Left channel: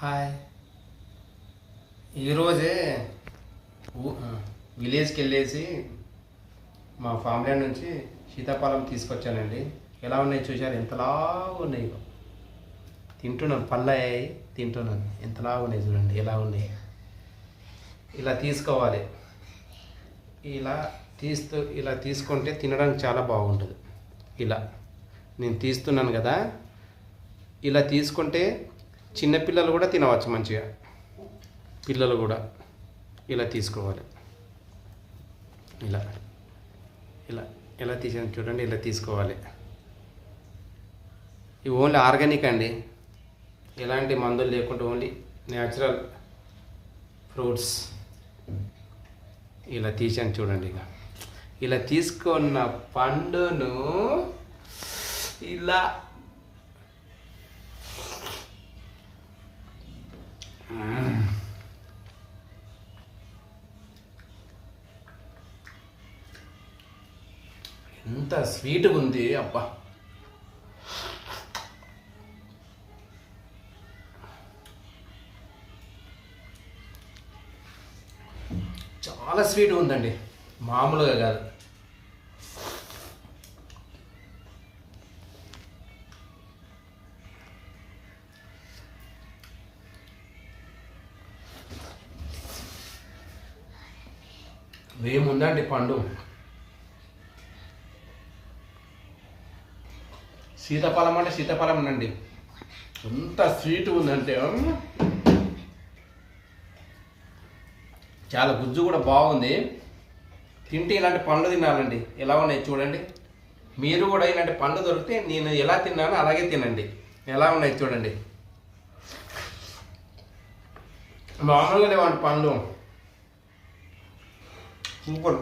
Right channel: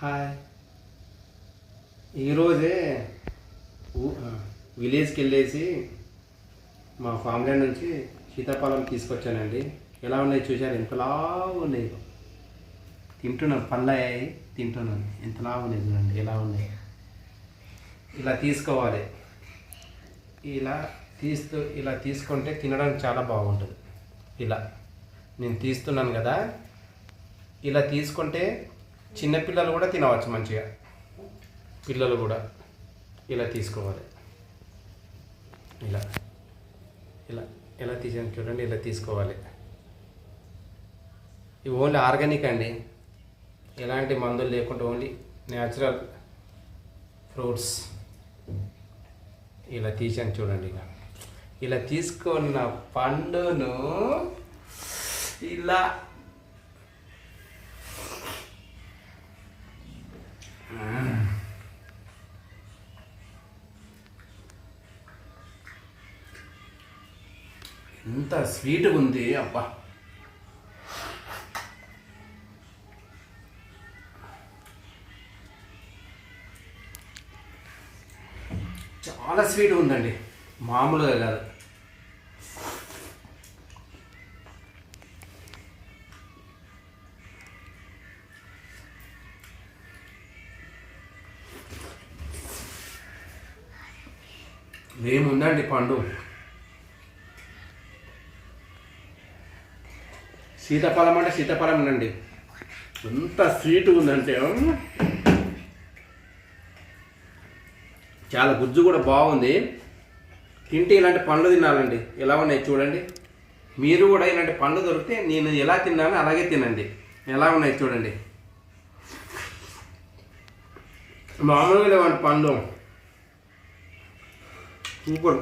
Hi. ఈరోజే విలేజ్కి వెళ్ళేసి మా ఫ్యామిలీ నుంచి సీతాఫలం తీసుకొచ్చానండి. ఎలా ఉన్నాయి చూశారు? ఎంతలా ఉన్నాయి. తింటున్నాను, పళ్ళయ్యాయి, తింటున్నాను. ఎంతలా ఉన్నాయి చూడండి, ఎలా ఉన్నాయి. ఇలా తీసుకోవాలి. ఇలా తీసుకుంటే తినడానికి చాలా బాగుంటుంది. ఇలా నేను తీస్తున్నాను కదా, ఇలా తీసుకుంటే చిన్నపిల్లలు కూడా తినవచ్చు మంచిగా. పిల్లలు కూడా ఇలా తీసుకోవాలి. ఇలా ఇలా ఎలా తీసాను చూడండి, ఇలా తీసుకోవాలి. ఇవి ఓన్లీ ఆర్గానిక్ అండి, ఎలాంటి మందులు లేకుండా ఓన్లీ న్యాచురల్ ఫ్రూట్స్. ఇలా తీసాను చూడండి. ఇలా తీసుకున్న పండును ఇలా ఎంత స్వీట్గా ఉంది అబ్బా. చాలా స్వీట్గా ఉందండి, మామూలుగా కాదు. ఏముందండి పండు, సీతాఫలం అంటే సీతాఫలం అండి. ఎంత స్వీట్గా ఉందంటే చాలా గుజ్జు కూడా బాగుంది. తింటే ఇలాంటి పండ్లు తినాలండి. ఎలా ఉన్నాయి చూడండి. మీరు కూడా ఇలాంటి పండ్లు దొరికితే నేను ఎలా తిన్నానో అలాగే తినండి. ఎలా ఉన్నాయి చూడండి, మామూలుగా లేవండి పండ్లు. సూపర్.